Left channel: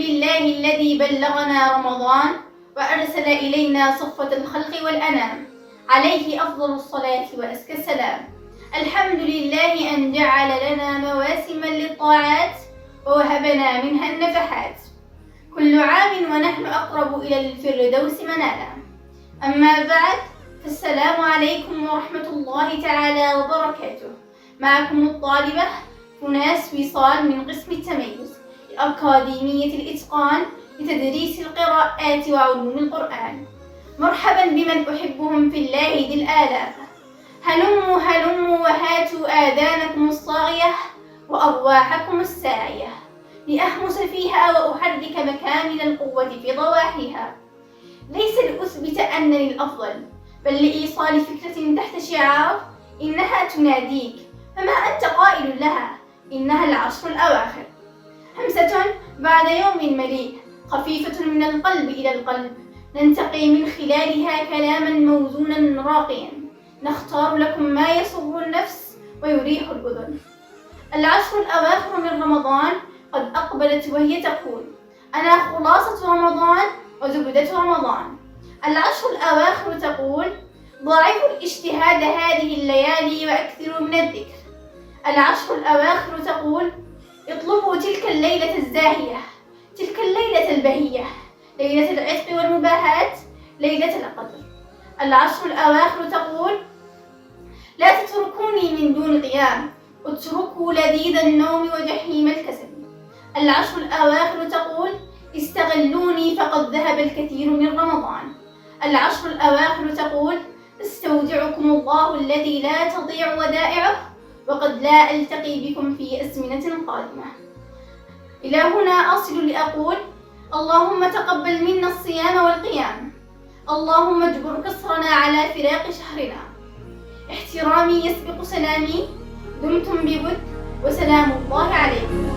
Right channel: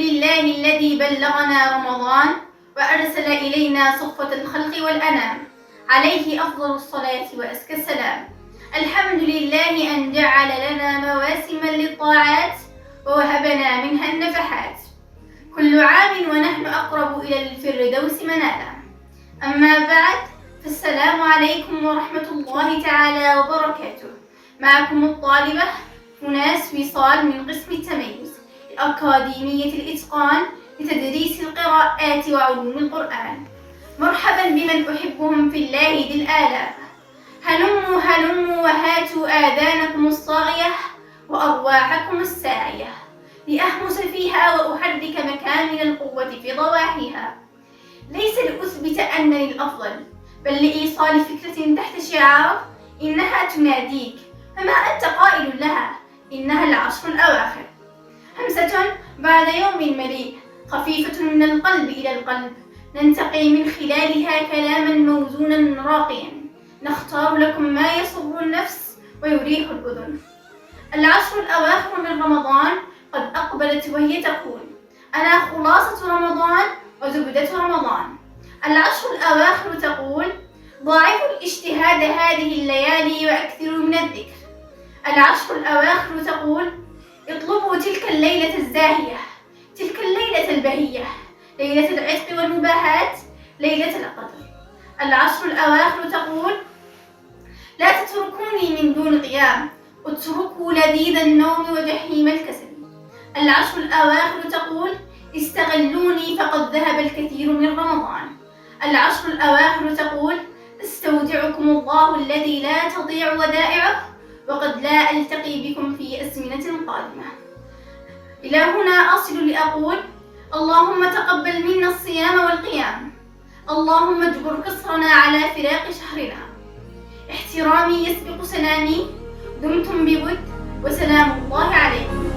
لله الذي بلغنا رمضان وأرسل إلينا صفوة الخلق والأنام، عليه أفضل الصلاة وأزكى السلام. الحمد لله أن جعل لنا مواسما للطاعات ووهبنا منها النفحات، كل عام ونحن أقرب إلى الفردوس منالا. أما بعد، فالسلام عليكم ورحمة الله تعالى وبركاته. معكم الطالبة فناس وصال من قسم التميز أكاديمية الإتقان لتدريس القراءات وعلوم القرآن. مرحبا بمن أحبهم في الله ذي الآلاء. هلموا هلموا وهاتوا آذانكم الصاغية وأرواحكم الساعية، لأهمس فيها وأحرك مكامن القوة في ضواحيها، ليس لأثبت أنني الأفضل، بل لإيصال فكرة تحت شعار إنها تناديك، فما أنت قائل لها؟ إنها العشر الأواخر، همسة بعد يوم مليء، خفيفة من القلب إلى القلب، ننتقي من خلالها كلاما موزونا راقيا، نختار لكم ما يسر النفس ويريح الأذن. العشر الأواخر من رمضان قد أقبلت وهي تقول: أنا خلاصة رمضان وزبدة رمضان. العشر الأواخر تقول: ضاعفوا الاجتهاد هذه الليالي وأكثروا من الذكر. العشر الأواخر تقول: اطلبوا تلك الليلة الزاهية، تلك الليلة البهية، ليلة العتق والمباهات، ليلة القدر. العشر الأواخر تقول: لا تتركوني من دون قيام، اتركوا لذيذ النوم وجحيم الكسل. العشر الأواخر تقول: استغلوني فقد ذهب الكثير من رمضان. العشر الأواخر تقول: استودعكم الله الذي لا تضيع ودائعه، وقد لا ألتقي بكم في أزمنة قادمة. إلى هنا أصل لأقول: اللهم تقبل منا الصيام والقيام، اللهم اجبر كسرنا على فراق شهرنا. احترامي يسبق سلامي، دمتم بود، وسلام الله عليكم.